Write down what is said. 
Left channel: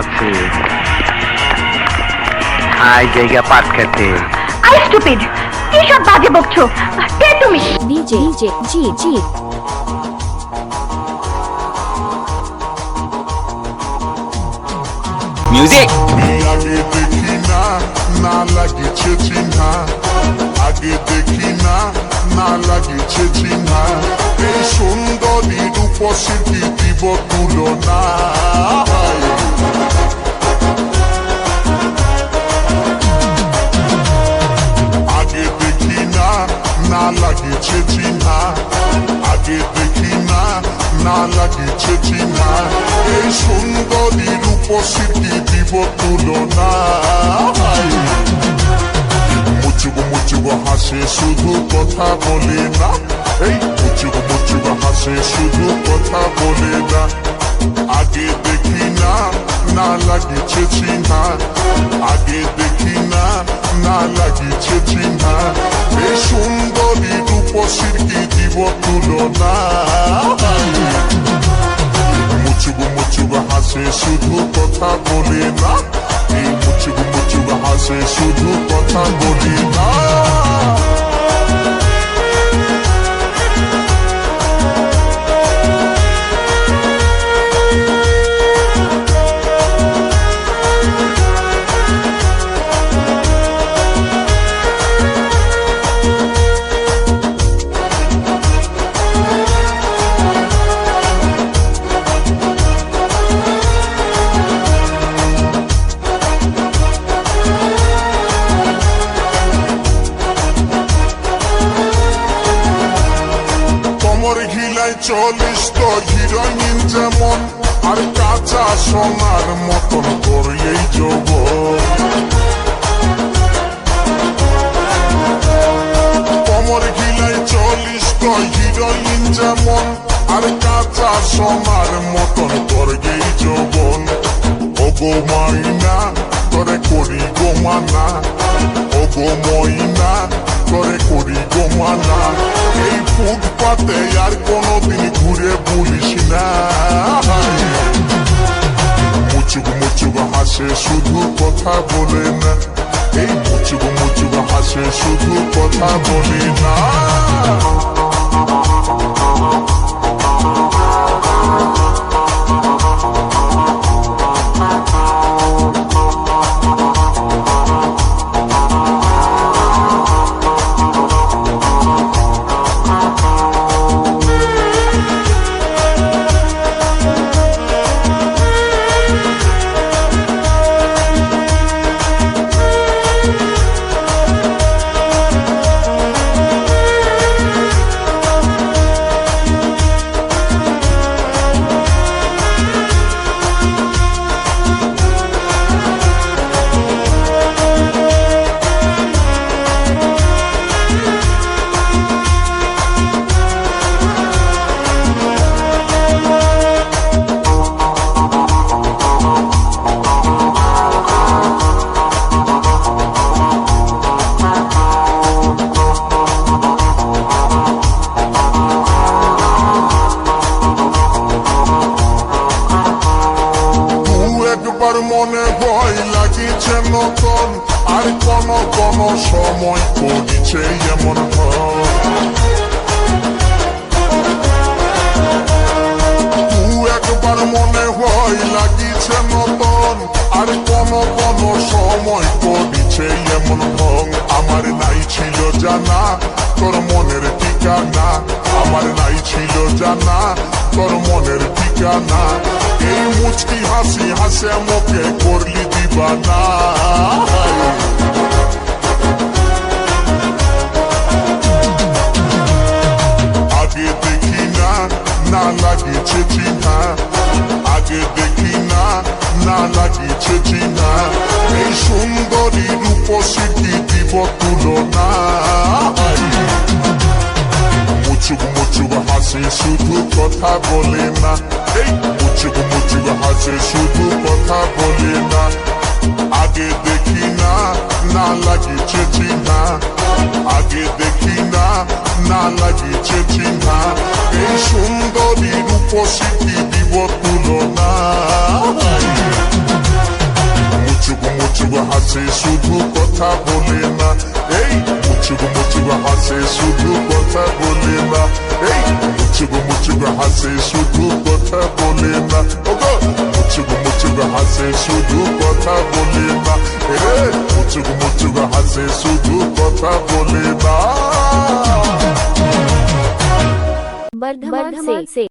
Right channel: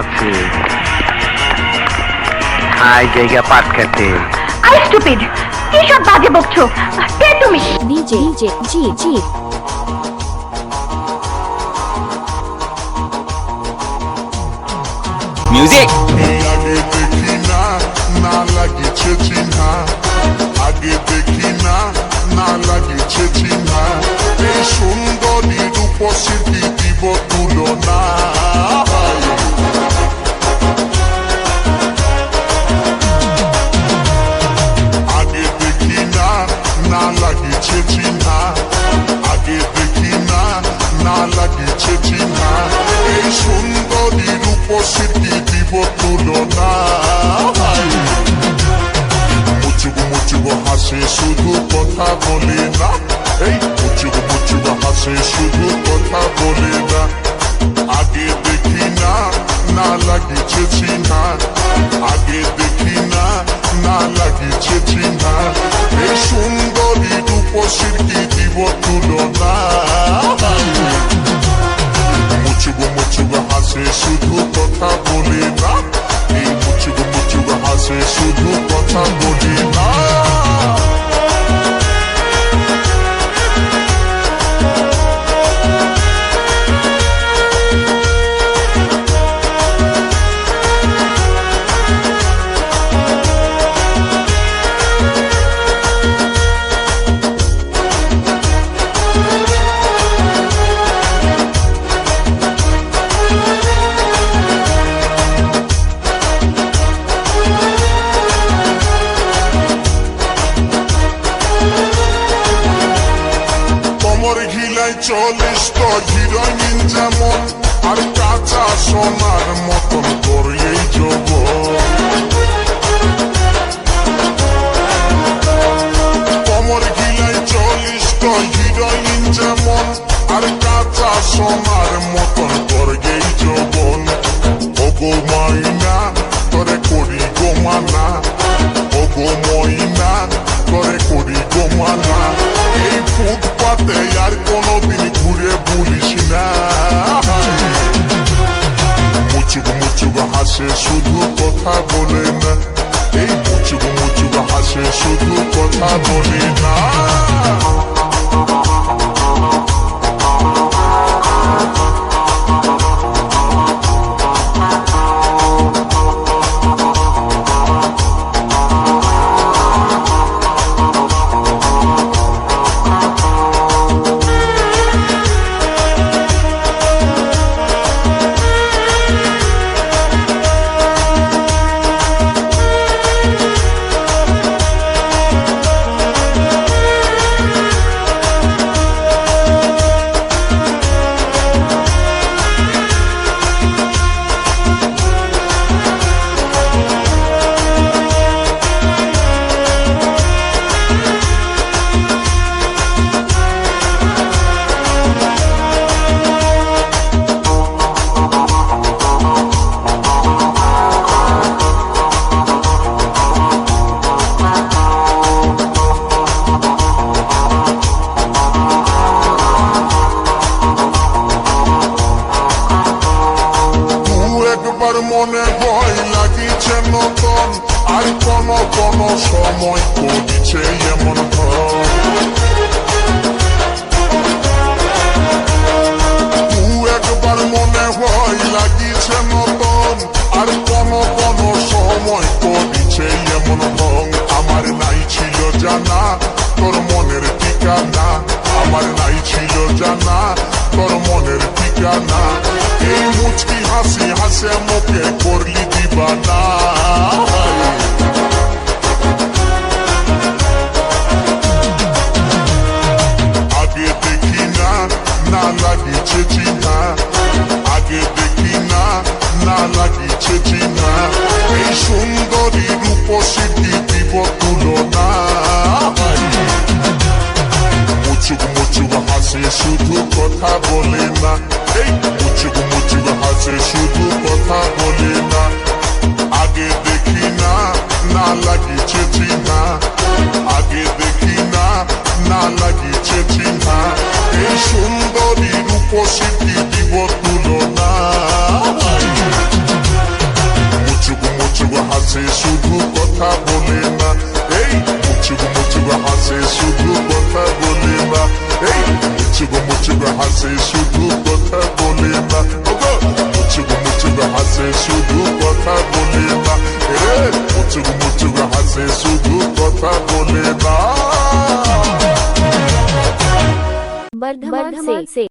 আছি আই জায়গা পাট খেতে। আই স্টুপিড, কি সব বাজে বকছো? কে তুমি? ডিজে ডিজে জি জি মিউজিক। আগে দেখি না, না লাগিছে চিহ্না, আগে দেখি না, না লাগিছে চিহ্না, এই সুন্দরী রূপসী দিব তুলনা। আগে দেখি না, না লাগিছে চিহ্না, আগে দেখি না, না লাগিছে চিহ্না, এই সুন্দরী রূপসী দিব তুলনা। মুচুক মুচুক হাসে শুধু কথা বলে না, এই মুচুক মুচুক হাসে শুধু কথা বলে না। আগে দেখি না, না লাগিছে চিহ্না, আগে দেখি না, না লাগিছে চিহ্না, এই সুন্দরী রূপসীর কি দিব তুলনা। মুচুক মুচুক হাসে শুধু কথা বলে না, এই মুচুক মুচুক হাসে শুধু কথা বলে না। কোমর ঘিলায় 40 তো হিরোইন যেমন, আর কাঁচা সোনার মতন করে এই যৌবন। কোমর ঘিলায় 40 তো হিরোইন যেমন, আর কাঁচা সোনার মতন করে এই যৌবন। ও গো মাইনা তোরে করি গো মানা, ও গো মইনা তোরে করি গো মানা, এই ফুটপাতে আর কোনদিন ঘুরে বলিস না। মুচুক মুচুক হাসে শুধু কথা বলে না, এই মুচুক মুচুক হাসে শুধু কথা বলে না। একবার মনে ভয় লাগিছে নতুন, আর কোন কোন সময় করিছে এমন ধর। একবার মনে ভয় লাগিছে নতুন, আর কোন কোন সময় করিছে এমন ঢং। আমার নাই ছিল জানা তোর মনের ঠিকানা, আমার নাই ছিল জানা তোর মনের ঠিকানা, এই মুচকি হাসি হাসে মুখে করলি দিবানা। আগে দেখি না, না লাগিছে চিহ্না, আগে দেখি না, না লাগিছে চিহ্না, এই সুন্দরী রূপসী কি দিব তুলনা। মুচুক মুচুক হাসে শুধু কথা বলে না, এই মুচুক মুচুক হাসে শুধু কথা বলে না। আগে দেখি না, না লাগিছে চিহ্না, আগে দেখি না, না লাগিছে চিহ্না, এই সুন্দরী রূপসী কি দিব তুলনা। হাসে শুধু কথা বলে না, এই মুচুক মুচুক হাসে শুধু কথা বলে না, এই মুচুক মুচুক হাসে শুধু কথা বলে না, ওগো মুচুক মুচুক হাসে শুধু কথা বলে না, এ মুচুক মুচুক হাসে শুধু কথা বলে না। बर्धमान से